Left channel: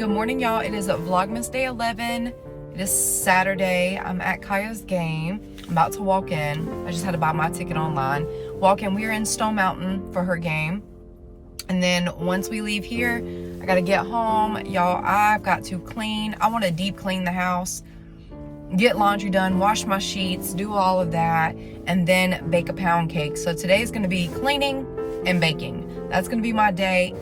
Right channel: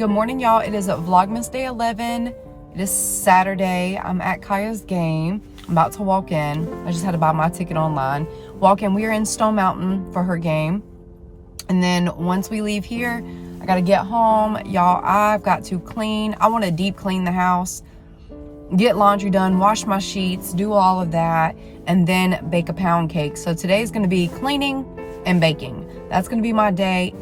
Good morning, y'all. It is Vlogmas day 11. It is Saturday. I'm at Kaya's game. I'm about to walk in. I just had to buy my ticket online. Walk in. We are in Stone Mountain for her game. And then once we leave here, I got to get home. Y'all, I've got to clean. I want to deep clean the house, get laundry done, wash my sheets, do all of that, and then bake a pound cake. So today is going to be cleaning and baking. That's going to be my day.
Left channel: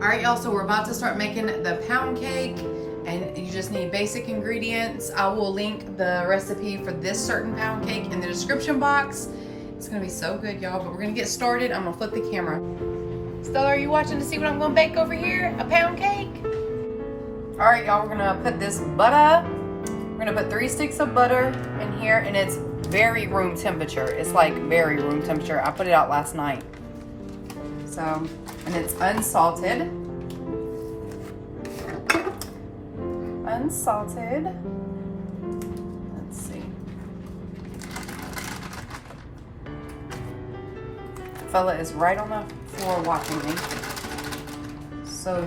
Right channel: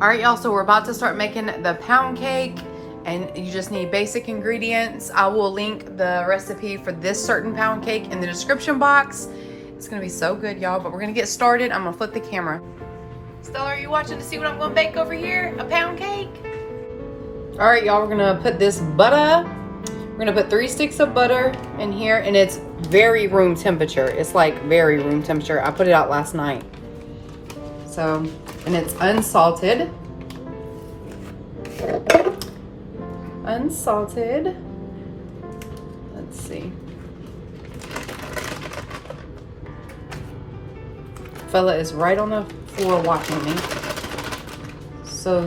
All right, y'all, so we're about to start making the pound cake, and you just need basic ingredients. I will link the recipe for this certain pound cake in the description box. It's gonna be so good, y'all, but we're gonna get started. I'm gonna flip the camera. Stella, are you watching to see what I'm gonna bake over here? A pound cake? All right, y'all, we're gonna put this butter. We're gonna put 3 sticks of butter in here, and it's very room temperature. It's like very room temperature. I put it out last night. So, and it's unsalted. Unsalted. Let's see. Fella is right on the floor watching me. So,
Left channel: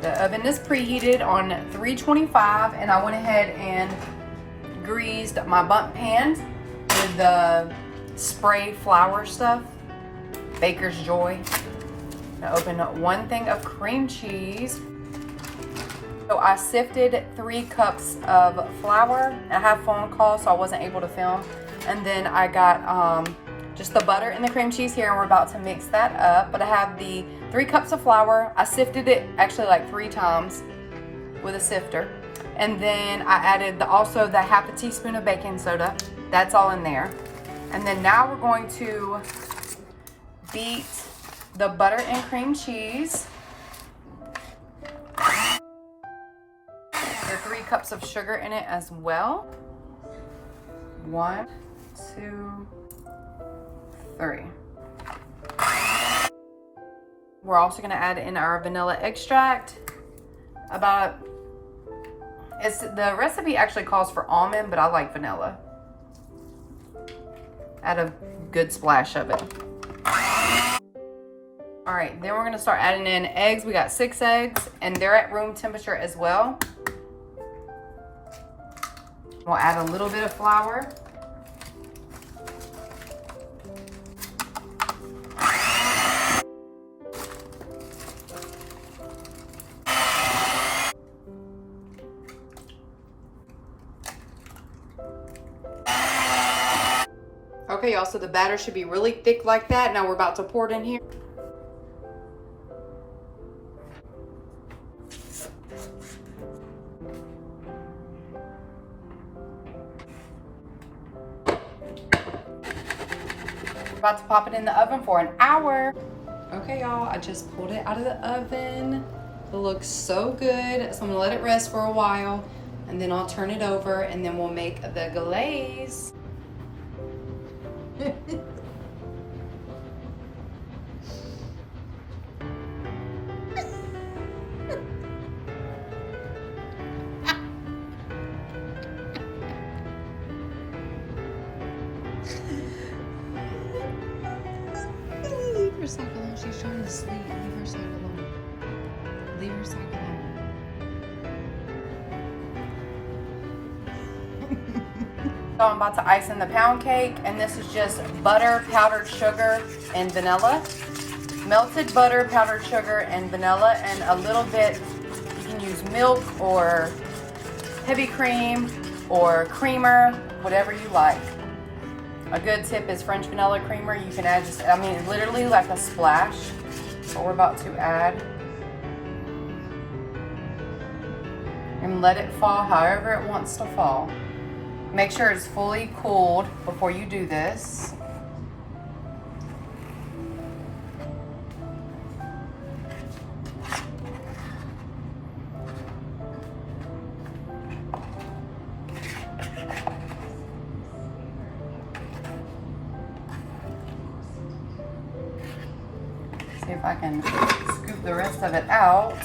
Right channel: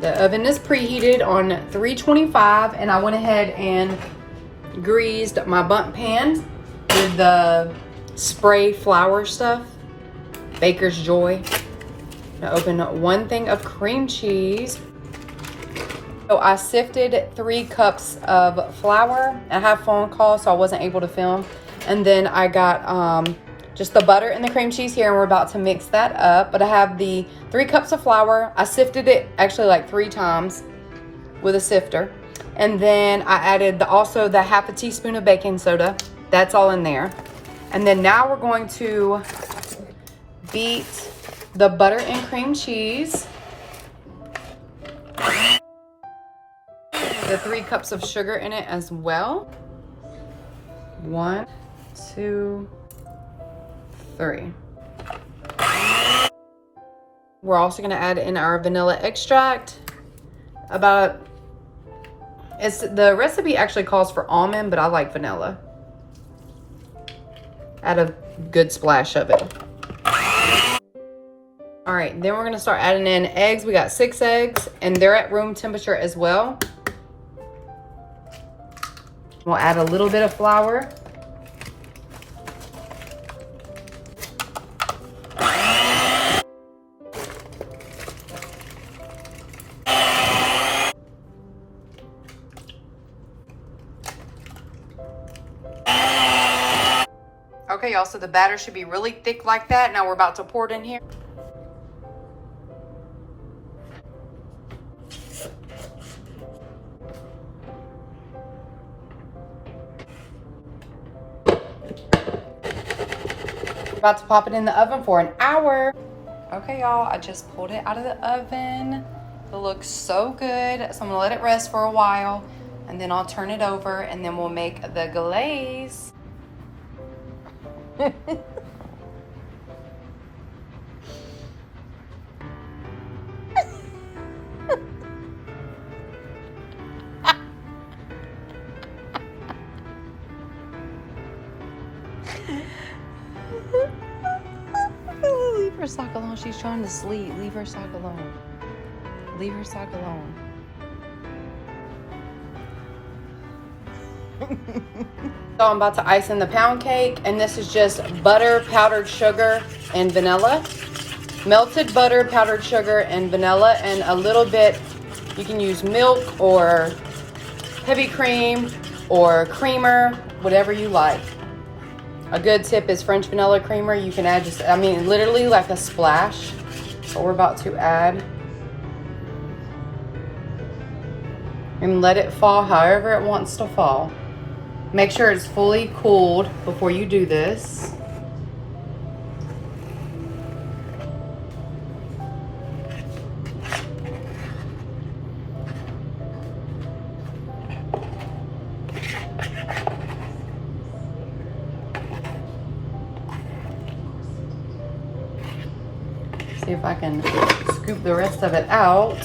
the oven is preheated on 325, and I went ahead and greased my bundt pan with the spray flour stuff, Baker's Joy. I'm gonna open 1 thing of cream cheese. So I sifted 3 cups of flour. I have phone call, so I wasn't able to film. And then I got just the butter and the cream cheese here, and we're about to mix that up. But I have the 3 cups of flour. I sifted it actually like 3 times with a sifter. And then I added also the half a teaspoon of baking soda. That's all in there. And then now we're going to beat the butter and cream cheese. The 3 cups of sugar in it as well. 1, 2, 3. We're also gonna add in our vanilla extract. The recipe actually calls for almond, but I like vanilla. Add a good splash of it. All right, then we're gonna start adding in eggs. We got 6 eggs, and they're at room temperature as well. We'll add a little bit of flour. Okay, y'all, so the batter should be really thick like that. Now we're about to pour it in here. About to pop it in the oven for an hour. Okay, y'all, I just pulled it out of the oven. It looks so good. So I'm gonna let it rest for a while, and then I'll turn it over, and then we'll make the glaze. Leave her sock alone. She's trying to sleep. Leave her sock alone. Leave her sock alone. So I'm about to ice in the pound cake, and this is just butter, powdered sugar, and vanilla. Melted butter, powdered sugar, and vanilla, and a little bit, you can use milk or heavy cream or creamer, whatever you like. A good tip is French vanilla creamer. You can add just, literally like a splash. So we're about to add. And let it fall however it wants to fall. Make sure it's fully cooled before you do this. See if I can scoop the rest of it out.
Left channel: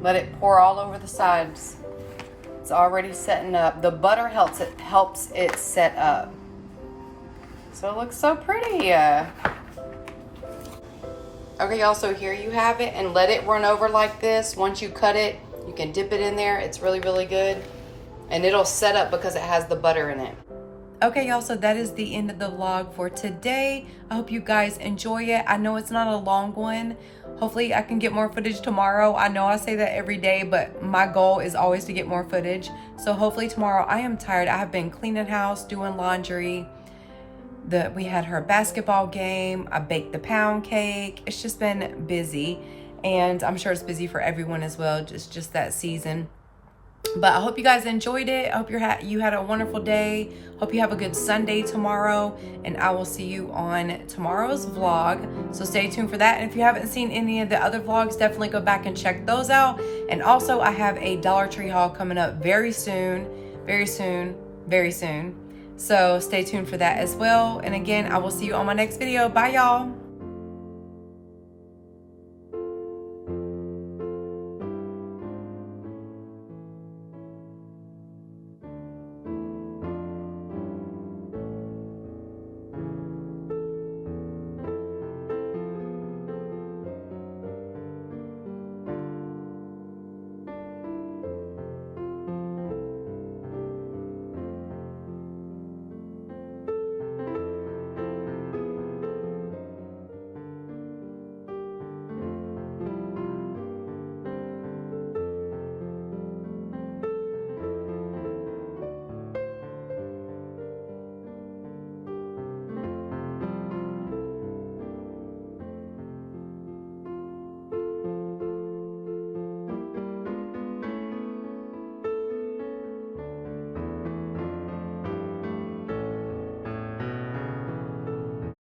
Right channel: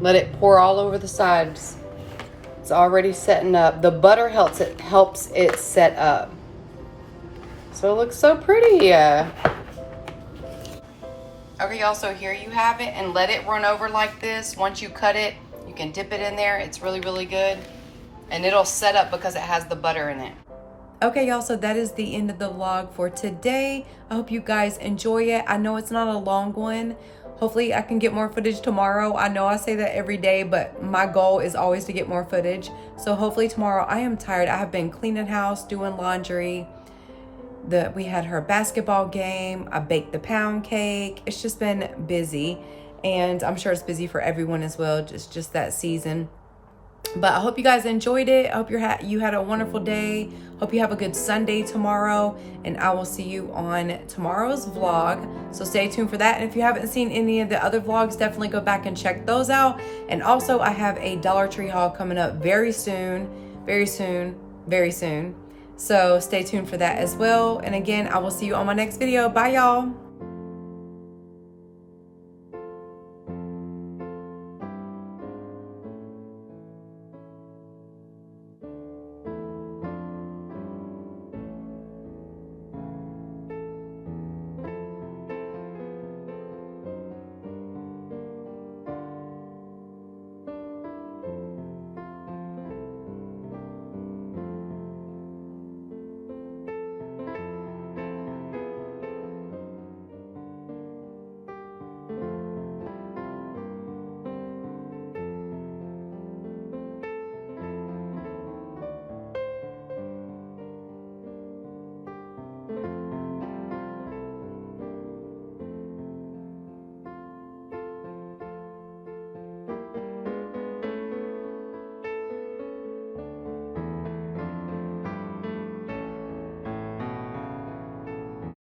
Let it pour all over the sides. It's already setting up. The butter helps it set up. So it looks so pretty. Okay, y'all, so here you have it, and let it run over like this. Once you cut it, you can dip it in there. It's really, really good. And it'll set up because it has the butter in it. Okay, y'all, so that is the end of the vlog for today. I hope you guys enjoy it. I know it's not a long one. Hopefully I can get more footage tomorrow. I know I say that every day, but my goal is always to get more footage. So hopefully tomorrow. I am tired. I have been cleaning house, doing laundry. We had her basketball game. I baked the pound cake. It's just been busy, and I'm sure it's busy for everyone as well. Just that season. But I hope you guys enjoyed it. I hope you had a wonderful day. Hope you have a good Sunday tomorrow, and I will see you on tomorrow's vlog. So stay tuned for that. And if you haven't seen any of the other vlogs, definitely go back and check those out. And also, I have a Dollar Tree haul coming up very soon, very soon, very soon. So stay tuned for that as well. And again, I will see you on my next video. Bye, y'all.